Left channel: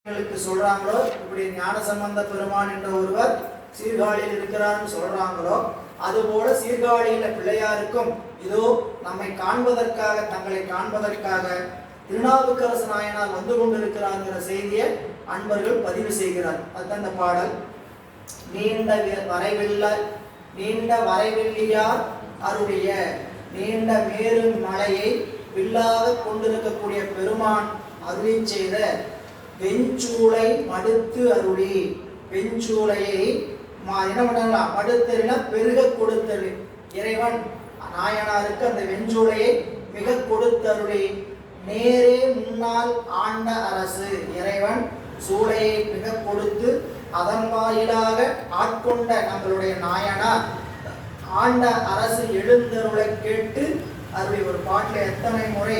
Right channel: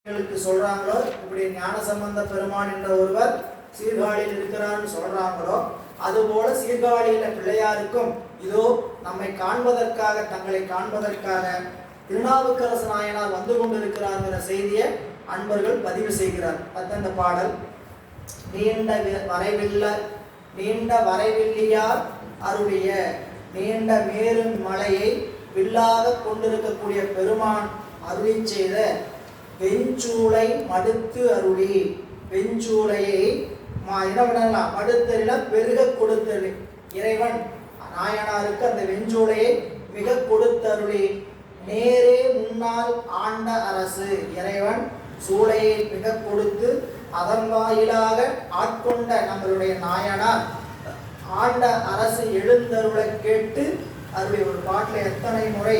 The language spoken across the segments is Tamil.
சொல்றாங்களோ, இப்படி ஞானசம்பந்த பெருமான் என்ற ஒருவர் சீர்காழியில் இருக்கிறார்னு சொல்றாங்களோ, அதுபோல சீர்காழியில பிள்ளையாருக்கும் இதோ நம்மை காண்பதற்காக, தங்களை காண்பதற்காக திருநாவுக்கரசு நாயனார் வந்து கொண்டிருக்கிறாங்கிற செய்தியை அன்பர்கள் பதிவு செய்கிறார். அதுதான் இந்த பாடல். நீண்ட வரைவில்லியார் அருடைய நீண்ட மேரு மலையை வில்லாக கொண்டிருக்கக்கூடிய பெருமான் அருளி செய்த வெஞ்சூளை மடுத்து அருளி, வெஞ்சூளையை என்ன பண்ணலாம், மடுத்தறினா பெருக கொடுத்தருளி. இறைவன் நாயனாருக்கு அந்த வெஞ்சூளையை மிக கொடுத்தருளி. நேரே முன்னால் ஆண்ட அரசு, இறைவன் சூளையை மிக கொடுத்து அதன் வாயிலாக ஆட்கொண்ட நம்மளுடைய நாயனார் ஆண்ட அரசு எழுந்தருளை கேட்டு அருளி. ஒரு பாட்டில் எத்தனை முறை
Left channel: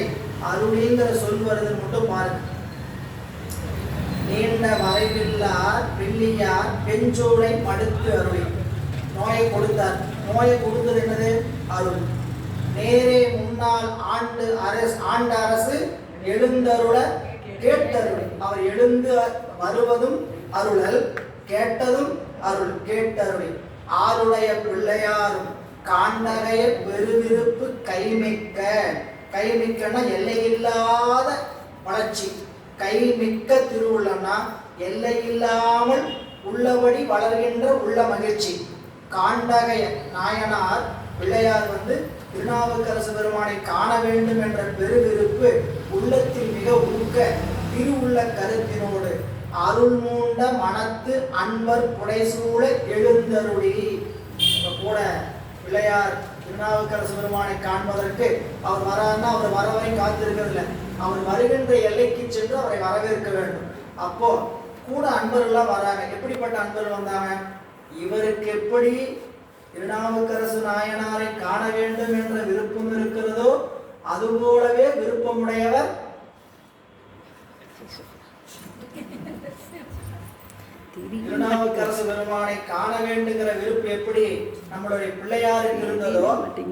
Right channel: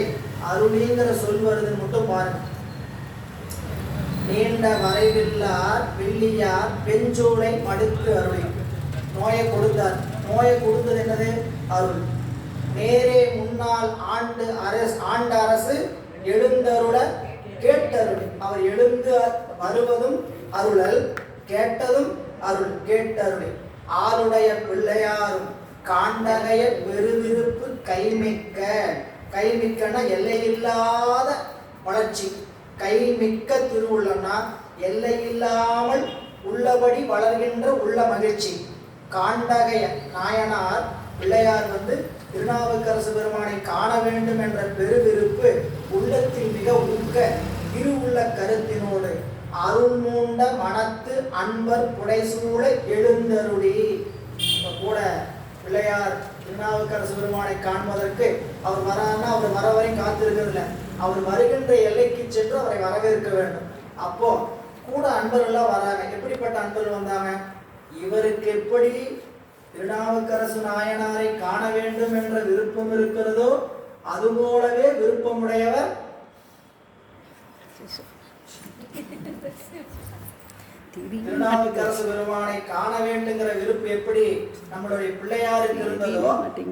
அருளிங்கிற சொல் வருதுன்னு மட்டும் பாருங்க. நீண்ட வரைவில்லார் வெள்ளியார் வெஞ்சோலை மடுத்து அருளி. நோயை கொடுத்தார். நோயை கொடுத்தது என்னது? அருள். நேரே முன்னால் ஆண்ட அரசு எழுந்தருள கேட்டருளி. அவர் எழுந்து வருவதும் அருளல், கேட்டதும் அருள், கேட்டருளி. ஆருடைய பிள்ளையாரும் காண்டகைய பெருவிருப்பு கைமிக்க, கைமிக்கன எல்லையில்லாத வளர்ச்சி. கைமிக்க திருவுள்ளம்னா எல்லையில்லாமல் உள்ளபடி வளர்கின்ற உள்ள மகிழ்ச்சி. காண்டகைய நாயனார் பிள்ளையார் வந்து திருநாவுக்கரசு பெருமானை காண வேண்டும் என்ற பெருவிருப்பு உள்ளத்தில் மிக ஊக்க திருவுள்ள கருத்தினோடு அருள் மூண்ட மனத்து அன்பர் புடைசூழ எழுந்தருளி. கூட பிள்ளையார் திருநாவுக்கரசு பெருமானை காண்பதற்கு அவர் வரான்னா அவர் வர வரை காத்திருக்கிறதில்ல, அவர் வருகின்ற எல்லைக்கு சென்று அவரை வரவேற்க வேண்டும். அப்போ கூட அன்பர்கள்லாம் வராங்க. எப்படிப்பட்ட அன்பர்கள் வந்தாங்க? இவருக்கு எப்படி திருநாவுக்கரசு நாயனாரை காண வேண்டும் என்ற விருப்பம் இருக்கிறதோ அதுபோலவே விருப்பமுடையவர் திருநாவுக்கரசு பெருமானை காண வேண்டுங்கிற விருப்பம் எப்படி நம்மளுடைய பிள்ளையாருக்கு இருந்ததோ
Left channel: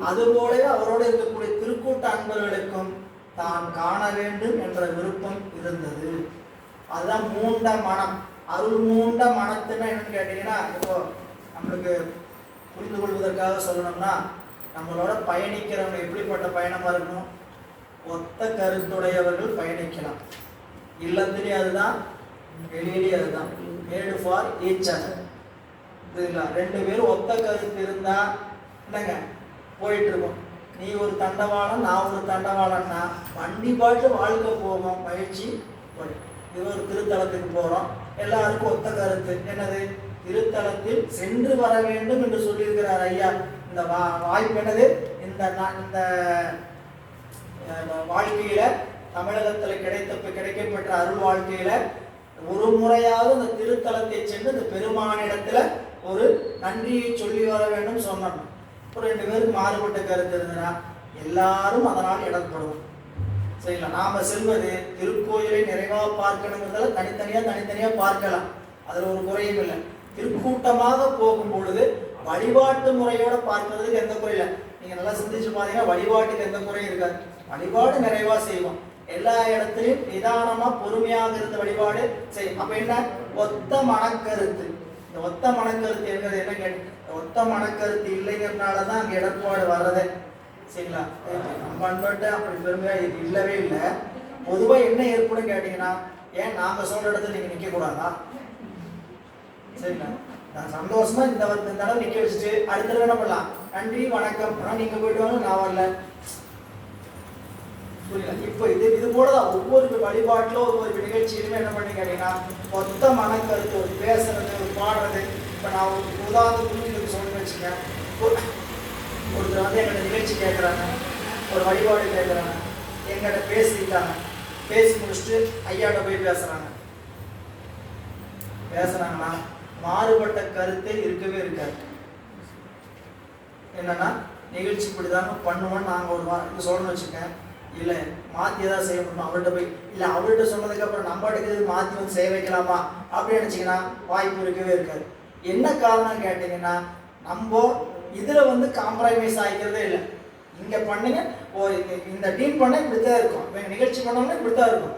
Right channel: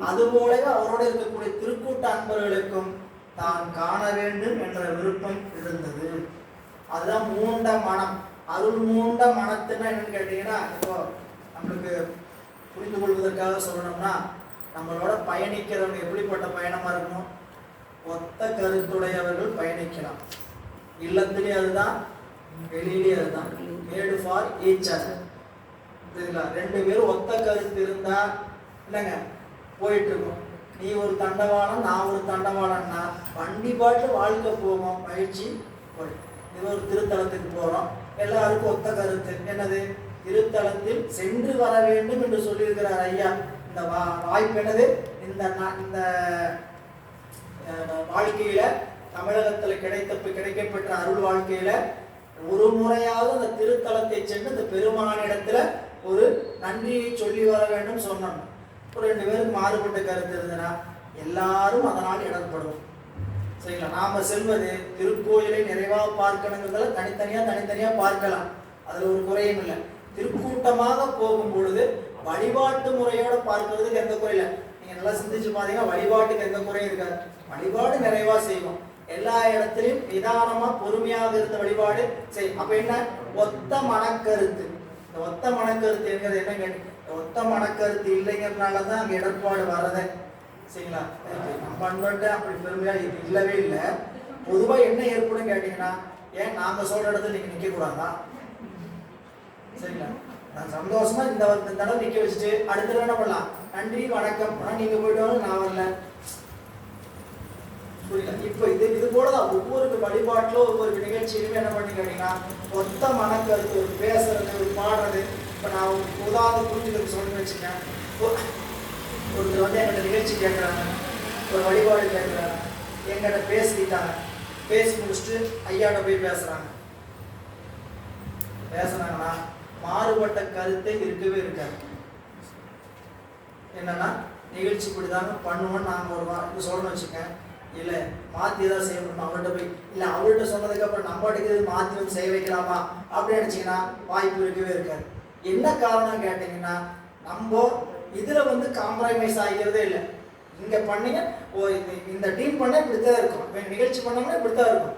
அதுபோலவே அவரோடு இருக்கக்கூடிய திருக்கூட்ட அன்பர்களுக்கும் தான் காண வேண்டும் என்ற விருப்பம் இருந்தது. அதுதான் மூண்ட மனம். அருள் மூண்ட மனத்துன்னா என்னன்னு கேட்டீங்கன்னா, இப்போ நம்மளுக்கு புரிந்து கொள்வதற்காக சொல்லணும்னா, நம்மளோட பயணிக்கிறவங்க எப்படிப்பட்ட பயணமா இருக்கணும்? ஒத்த கருத்துடையவர்கள் பயணிக்கலாம். இல்லத்திலே அதுதான், வெளியிலே அதுதான். மேடு ஃபார் ஈச் அதர். ரெண்டு பேரும் ஒத்த கருத்து இருந்தா இல்லைங்க போயிட்டு இருக்கோம். நீ ஒரு தண்டவாளம், நான் ஒரு தண்டவாளம்னா வண்டி பாட்டு வாழ்க்கை போகும். மகிழ்ச்சி. இது ஒரு திருத்தலத்துக்கு போறோம், எல்லாருக்கும் ஒத்த கருத்து என்னது? திருத்தலத்தில் சென்று வர வேண்டும் என்று சொல்லியிருக்கிறார் ஐயா. இந்த வாய்ப்பு என்னது? இந்த வாழ்க்கையில தமிழகத்தில் கிடைக்கப்பெற்ற அருள் வாழ்க்கையில ஒரு முறையாவது அந்த திருத்தலத்தை சென்று இந்த பெருமானிடத்துல ஒரு நன்றியை சொல்லி வர வேண்டும் சொன்னோம். ஒரு ரெண்டு பேருக்கு மாறுபட்ட கருத்து இருந்ததுன்னா எல்லாரும் அதனால் இடப்படுவோம். சரிங்களா? நாம செல்வது திருக்கோயிலை நிறைவா பார்க்கணுங்கிறதால தனித்தனியா பார்க்கலாம். அதுல ஒரு குறையும் இல்லை. திருக்கூட்டமாக போகும் பொழுது வழிபாட்டு முறையோட பார்க்கறதுக்கு எந்த குறையில. நீங்க நல்லா சிந்திச்சு பாத்தீங்கன்னா வழிபாட்டுக்கு எந்த குறையும் இருக்காது. வழிபாடு நிறைவா செய்வோம். எல்லா இடத்துலையும் நிதானமா பொறுமையாக இருந்த வழிபாடு செய்யும். அப்ப என்ன? ஒத்த மனக்கருத்து. இந்த ஒத்த மனக்கருத்து என்கிறது என்ன கேட்டு, ஒத்த மனக்கருத்து இல்லைங்கிறதுனாலதான் அங்க இடர்பாடு வர்றதே. சரிங்களா? நம்ம அன்பட்ட அப்படி பெருமையா இது இல்லவே இல்லை. பொதுவா என்ன ஏற்படும் கேட்டீங்கன்னா, ஏன் நாங்க சொல்ற இடத்துல நீங்க நிக்க கூடாதா? சரிங்களா? நான் சந்தோஷமா இந்த தடவை நிக்க வச்சுட்டு அடுத்த என்ன பண்ணலாம்? நன்றி வணக்கம், நீங்க போயிட்டு வாங்க, நான் வரல. இப்ப இது போலதான் ஒவ்வொரு வழிபாட்டிலும் ஒவ்வொரு நிகழ்ச்சியிலுமே என்ன பண்ணி கேட்டீங்கன்னா மொத்த மனக்கருத்து, ஒரு பேசுறது, ஒரு பாடுறது. இப்ப நான் உதாரணத்துக்கு சொல்லி வச்சுக்கேன். ஒருத்தர் வந்து எங்கிட்ட நிகழ்ச்சி கேட்குறாங்க, ஒரு வழிபாடு கேட்குறாங்க, எங்கிட்ட பேசிட்டாங்க. பேசி முடிச்சுட்டு ஐயாட்ட போய் பேசுறாங்கன்னா மாறுபட்ட கருத்தை இருக்கவே இருக்காது. என்னன்னா நிகழ்ச்சி இப்படிதாங்க பண்ணுவோன்னு நாங்கள் ஒரு இது சொல்லணும்னு வச்சுக்கேன். இல்லை மாற்றி ஏதாவது செய்ய முடியுமா? அவர்கிட்ட போய் இல்லை அவர்கிட்ட சொன்னதுக்கு அப்புறம் நம்மகிட்ட மாற்றி வந்து செய்ய வைக்கலாமா அப்படின்னு நினச்சிங்கன்னா வாய்ப்பு இருக்கவே இருக்காது. என்ன காரணம் கேட்டிங்கன்னா, நம்ம இதில் வந்து காம்ப்ரமைஸ் ஆகிக்கிறதே இல்லை. இங்கே பண்ணீங்க, இந்த டீம் பண்ண இப்படித்தான் இருக்கும், நிகழ்ச்சி பண்ணோம்னா இப்படித்தான் இருக்கும்.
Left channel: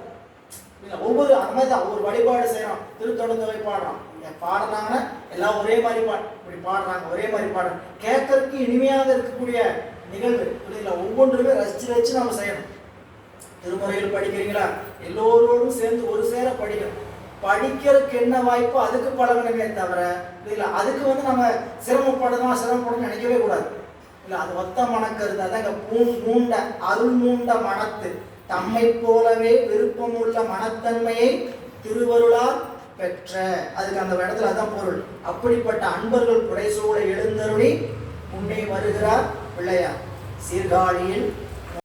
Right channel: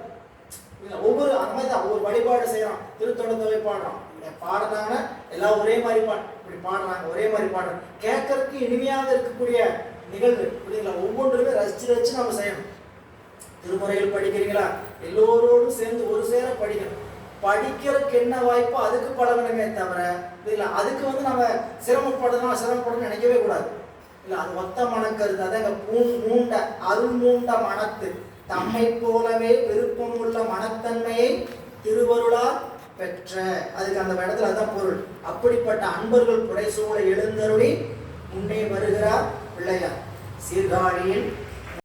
ஒவ்வொரு அந்த மாதிரி தான் ஒவ்வொரு வழிபாடு செய்யறோம். திருத்தொடர்ந்தவை பாடுறோம், பாடுறாங்க எல்லாம் ஒரே மாதிரி இப்படி பாடுறாங்க, ஒரே மாதிரி பாடுறோம். கேட்கறதுக்கு இனிமையாக இருக்கக்கூடிய நிகழ்வு இல்லைங்களா? ஒவ்வொன்றுமே ரசிச்சு ரசிச்சு நம்ம செய்யணும். திருமுறைகள் படிக்கிறீங்களா? எல்லோரோடும் சேர்ந்து ஒரு சேர படிக்கணும். படிக்கிறதுக்கு என்ன வாய்ப்போ அதுக்கு பழகணுமே தவிர இல்லை அதுக்கு நம்ம சிரமப்படணும்னு நினைக்கவே கூடாது. இல்லை அது ஒத்த மனக்கருது. அதாங்க மூண்ட அருள் மூண்ட மனத்து தம்மை போலவே விருப்பம் உள்ள மனத்தன்மையை திருவருளால் பெற்ற, அதுக்கு அந்த இடத்துல அதான் பொருள். அப்படிப்பட்ட அன்பர்கள் புடைசூழ எழுந்தருளி முன்னே வருகிறார் பிள்ளையார். சீர்காழியில்